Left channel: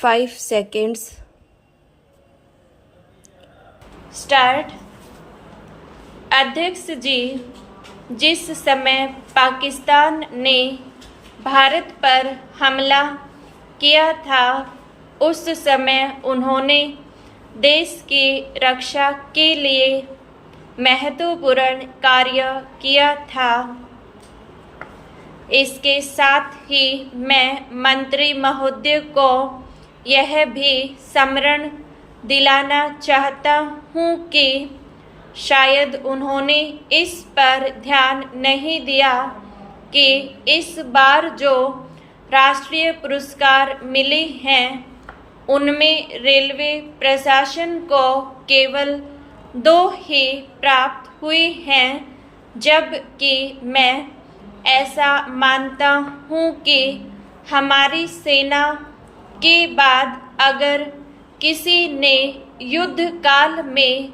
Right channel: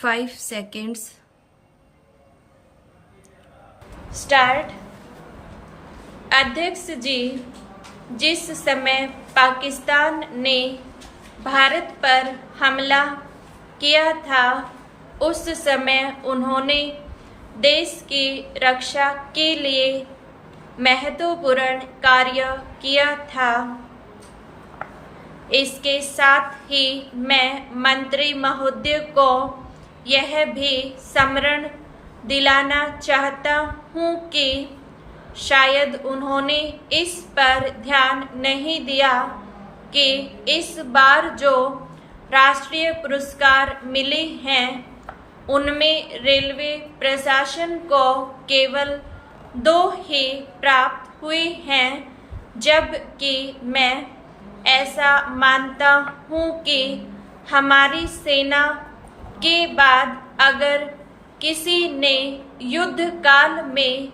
5 seconds. Start. अध्यक्ष जी, जिस समय पाकिस्तान ने भारत पर हमला किया था उस समय उन्होंने देश की रक्षा के लिए महत्वपूर्ण कार्य किया था। इसके साथ ही मैं मंत्री महोदय को यह भी स्मरण दिलाना चाहता हूँ कि शायद उन्होंने इस पर ध्यान नहीं दिया कि इस बार जो राष्ट्रीय पुरस्कार मिले हैं उनमें रेलवे प्रशासन को केवल 2 ही प्राप्त हुए हैं, जबकि मैं ऐसा मानता हूँ कि हमारी सेना के बाद अगर किसी ने युद्ध काल में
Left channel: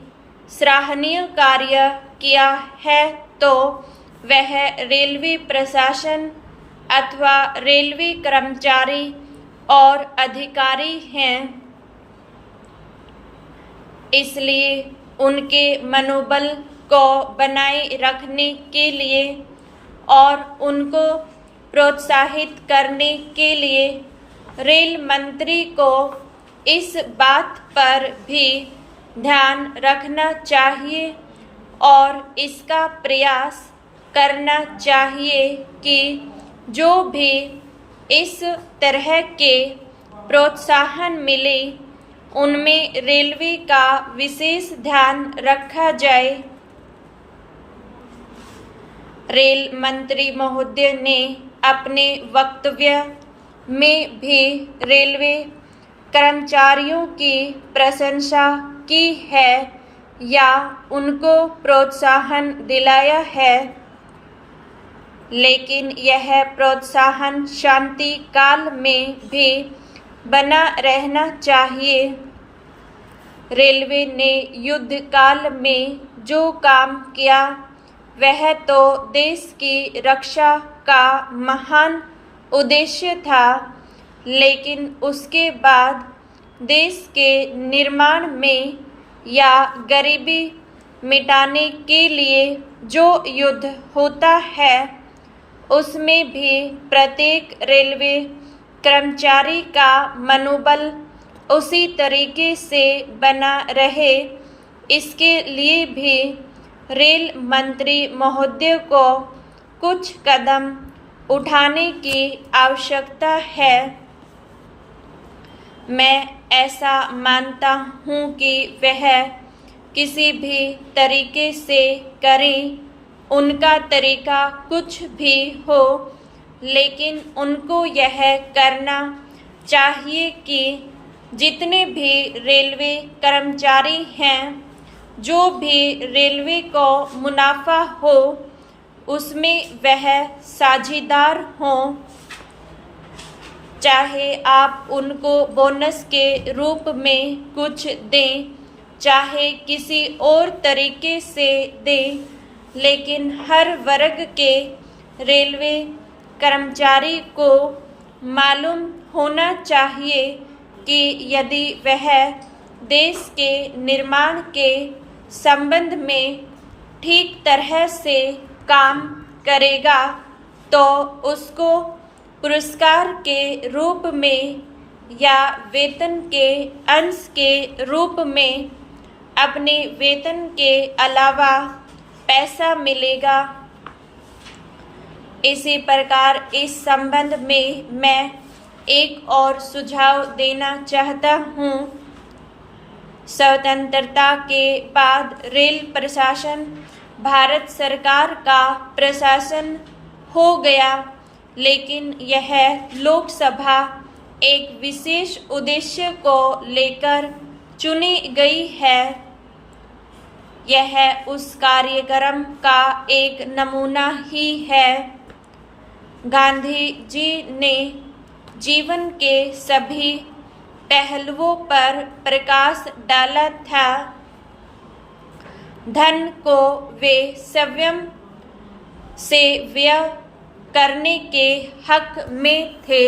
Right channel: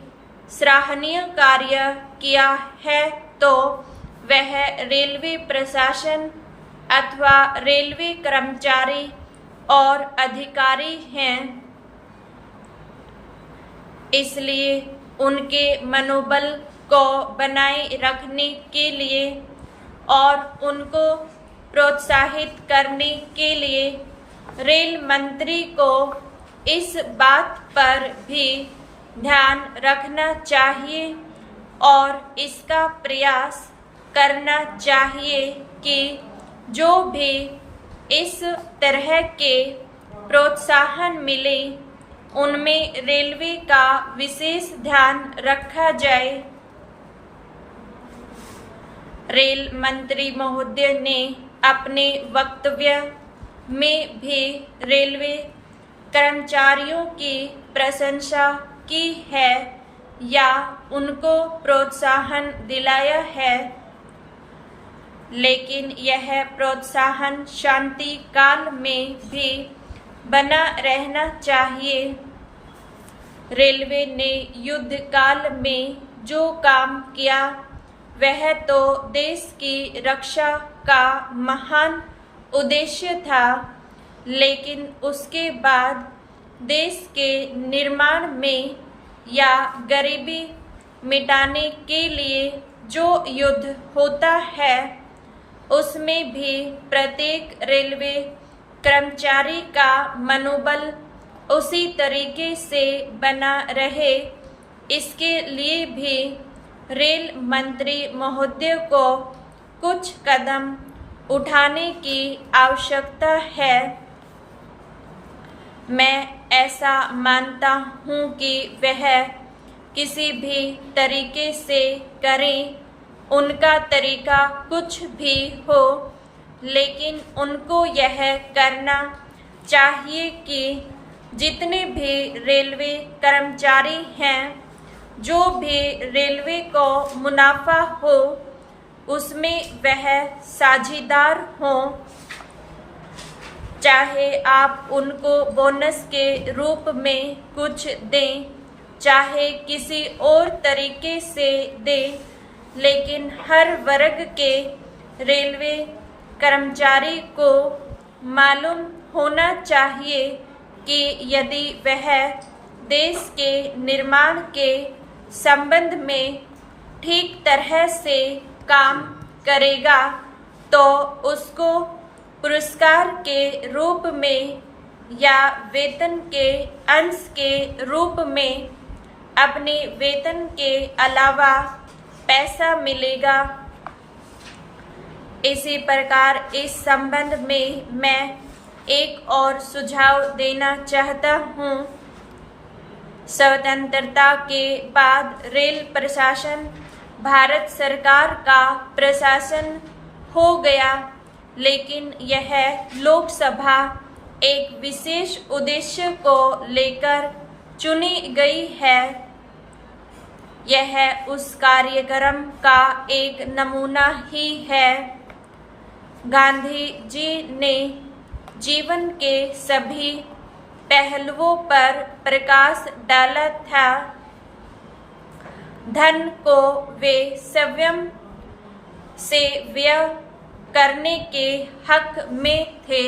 सराहनीय कार्य किया है तो वह रेलवे प्रशासन अथवा रेलवे कर्मचारी और अधिकारी हैं। इसलिए उनके मनोबल को बनाए रखने के लिए और उनको प्रोत्साहित करने के लिए रेल मंत्री को इस बात पर भी ध्यान रखना चाहिए और इसका प्रयास करना चाहिए कि जो भी इस तरह के प्रोत्साहन मिले उनमें रेलवे का विशेष ध्यान रखा जाए। रेल मंत्री महोदय ने अपने वक्तव्य में भी रेलवे कर्मचारियों की प्रशंसा की है या उनको प्रोत्साहन दिलाया है, लेकिन यह प्रोत्साहन शांति काल में भी बना रहना चाहिए। रेलवे ने युद्ध काल में जो काम किया वह तो देश की रक्षा का महान उद्देश्य था, लेकिन उसके बाद देश के निर्माण में या गरीबी मिटाने के लिए जो युद्ध होता है उसमें भी प्रत्येक रेलवे कर्मचारी का मनोबल उसी तरीके से बना रहे, इसके लिए भी रेल मंत्री महोदय को कुछ कदम उठाने की आवश्यकता है। मैं ऐसा मानता हूँ कि वह किसी भी तरीके से करें, उनका तरीका कुछ भी हो, लेकिन उनको यह करना चाहिए कि जितने भी रेलवे कर्मचारी हैं, जो भी रेलवे को मुनाफा हो उसमें वह साझेदार हों। चाहे आप उनको बोनस के रूप में कुछ दें, चाहे किसी और तरीके से दें, लेकिन हर वर्ग के रेलवे कर्मचारी को मालूम होना चाहिए कि यदि वह देश के निर्माण के संबंध में ठीक तरह से काम करेगा तो उसको पुरस्कार के रूप में या वेतन के अंश के रूप में अपने वेतन के अलावा पैसा मिलेगा। इसी प्रकार इस संबंध में मैं एक और सुझाव देना चाहता हूँ। स्वतंत्रता के बाद रेल प्रशासन भारत सरकार का प्रशासन हो गया, लेकिन यह लोकसभा एक विशेष उद्देश्य को लेकर चुनी गई है। यह उस कार्यक्रम का एक नमूना ही है। गांधी जी ने जीवन के सभी पहलुओं पर प्रकाश डाला था। धन को वे स्वयं से व्यय करने के हक में थे,